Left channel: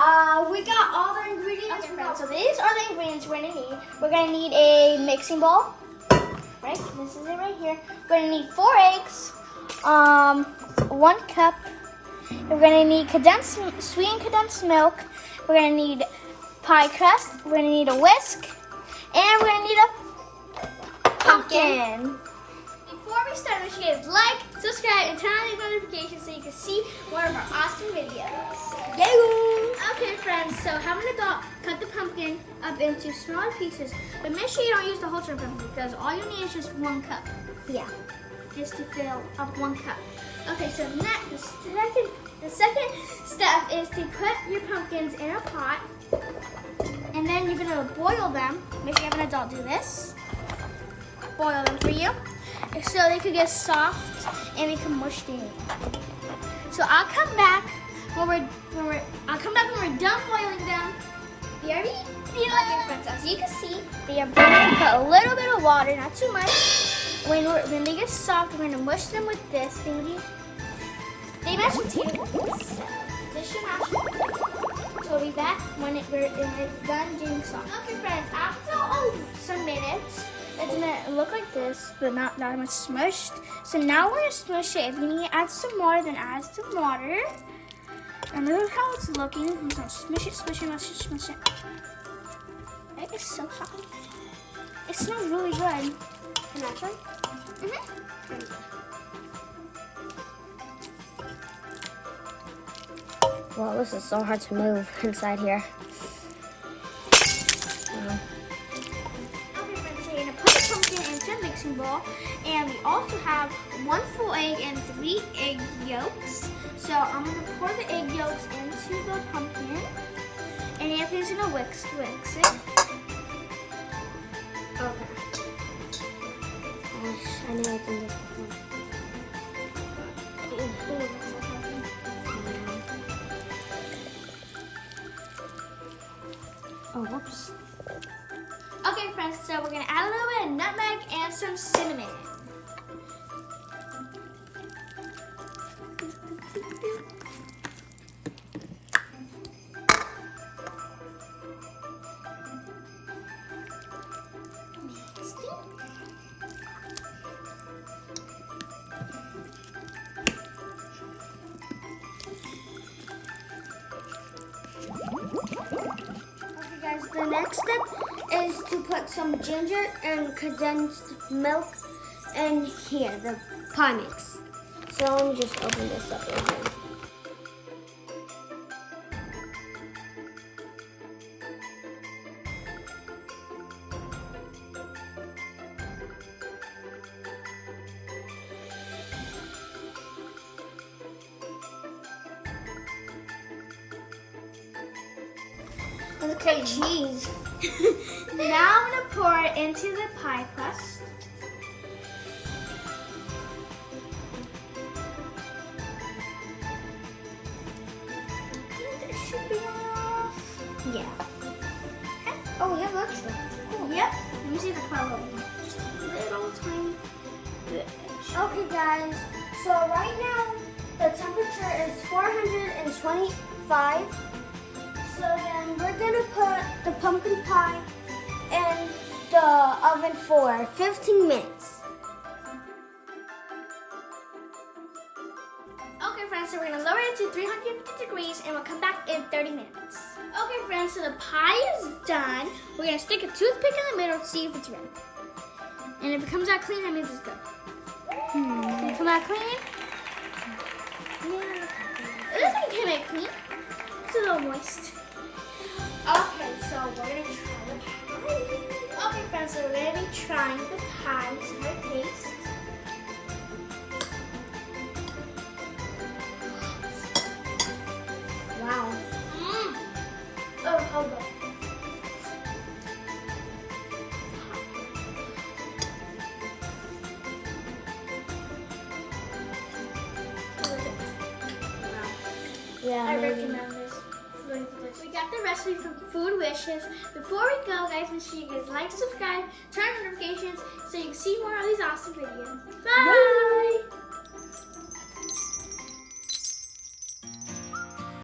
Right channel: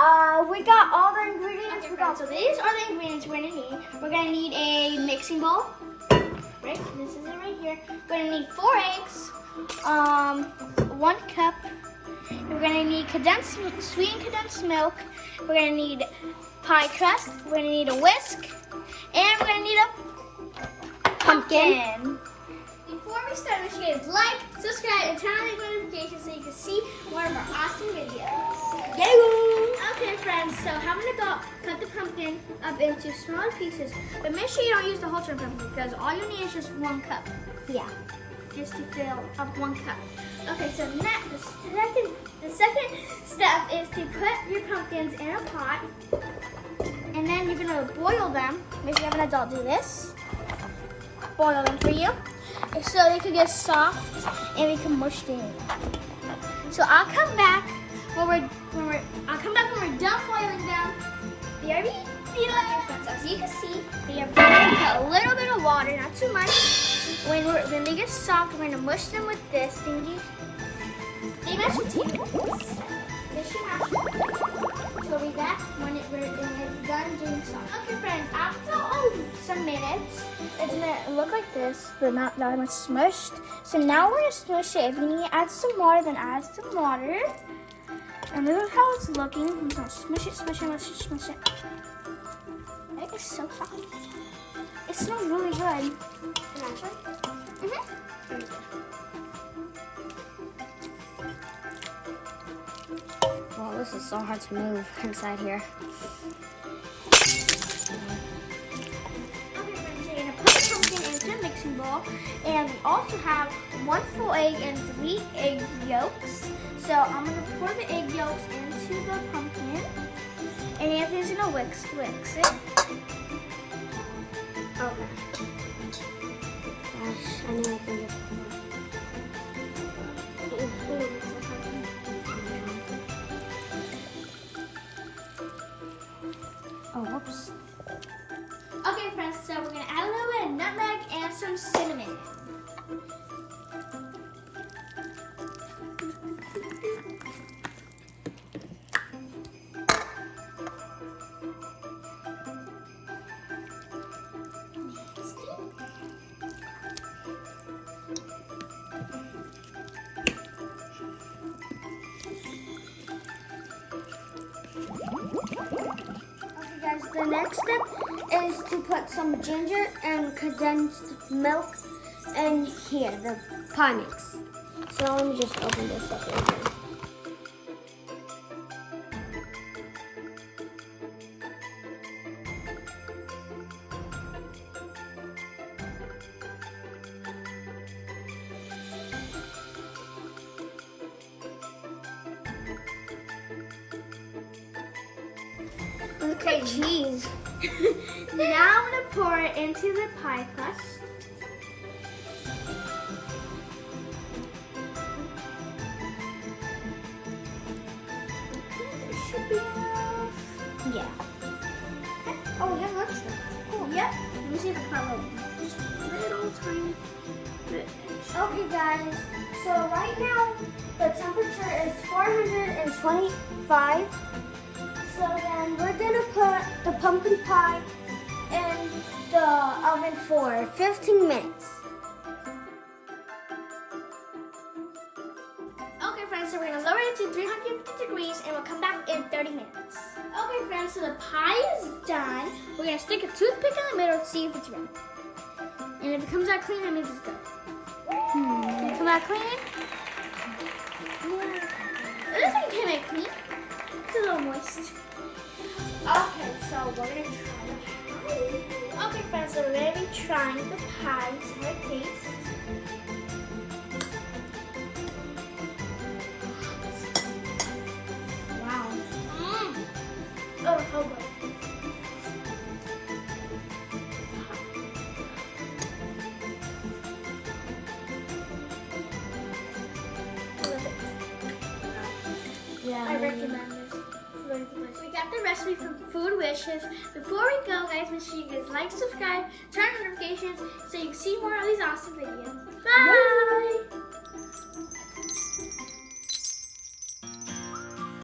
And we got all the ingredients. So these are the ingredients we're gonna need. We're gonna need a mixing bowl. Right, this is it right here. We're gonna need 4 eggs, 1 cup. We're gonna need sweetened condensed milk. We're gonna need pie crust. We're gonna need a whisk, and we're gonna need a pumpkin. Before we start, make sure you guys like, subscribe, and turn on the notifications so you can see more of our awesome videos. Okay, friends, so I'm gonna cut the pumpkin up into smaller pieces, but make sure you don't use the whole pumpkin because all you need is just 1 cup. Yeah. Just to fill up 1 cup. Okay, so next, the second step is to put your pumpkins in a pot, and then you're gonna boil them. Make sure you have an adult do this. Boil them for you, so they can get soft and we can mush them. So I'll come back when we're done boiling them. BRB. As you can see, they are boiling. Put a little bit of water, not too much. When they get soft, we're gonna mush them with this thingy. They mash with 2 minutes. This should mash. So we'll be back when it's done doing soft. Okay, friends, after some minutes, it's gonna look like this, but not that much smushed. So now we're gonna smush it. If you need to add some more, then add some water. And look how it's looking. I'm gonna smush it, smush it, smush it, smush it. It is so soft. It smells really good. Can I try? Well, this is so hard to move inside here. Okay, friends, so you're gonna put the pumpkin into a mixing bowl, and we also have 1 full egg and 3 egg yolks. So I'm gonna pour the egg yolks into the pumpkin, and Anthony's gonna whisk it. Okay. Gosh, I know I can do this before. Oh, whoops. Okay, friends, so we're gonna add a little bit of nutmeg and some cinnamon. The next step is to put some ginger and condensed milk in here, the pie mix. So let me just open this up real quick. It looks like cheese. Now I'm gonna pour it into the pie crust. It should be enough. Yeah. Oh, yeah, that's it. Cool. Yep. Let me see if I pour a little. Just a little tiny bit. Okay, guys. So right now, the temperature is 425. So then we're gonna put the pumpkin pie in the oven for 15 minutes. Okay, friends, so we're gonna lower it to 350 degrees and we'll come back in 30 minutes. Okay, friends, so the pie is done. We're gonna stick a toothpick in the middle to see if it's ready. And if it comes out clean, that means it's good. Did it come out clean? Yeah. It looks like it came out clean. It's a little moist. Okay, so we're gonna try the pie. Okay, friends, so we're gonna be trying the pie. See how it tastes. Wow. Oh, hold on. Yeah. I recommend this. We got the recipe from Food Wishes. Before we go, guys, make sure you guys like, subscribe, turn on notifications so you can see more of these awesome videos. Bye!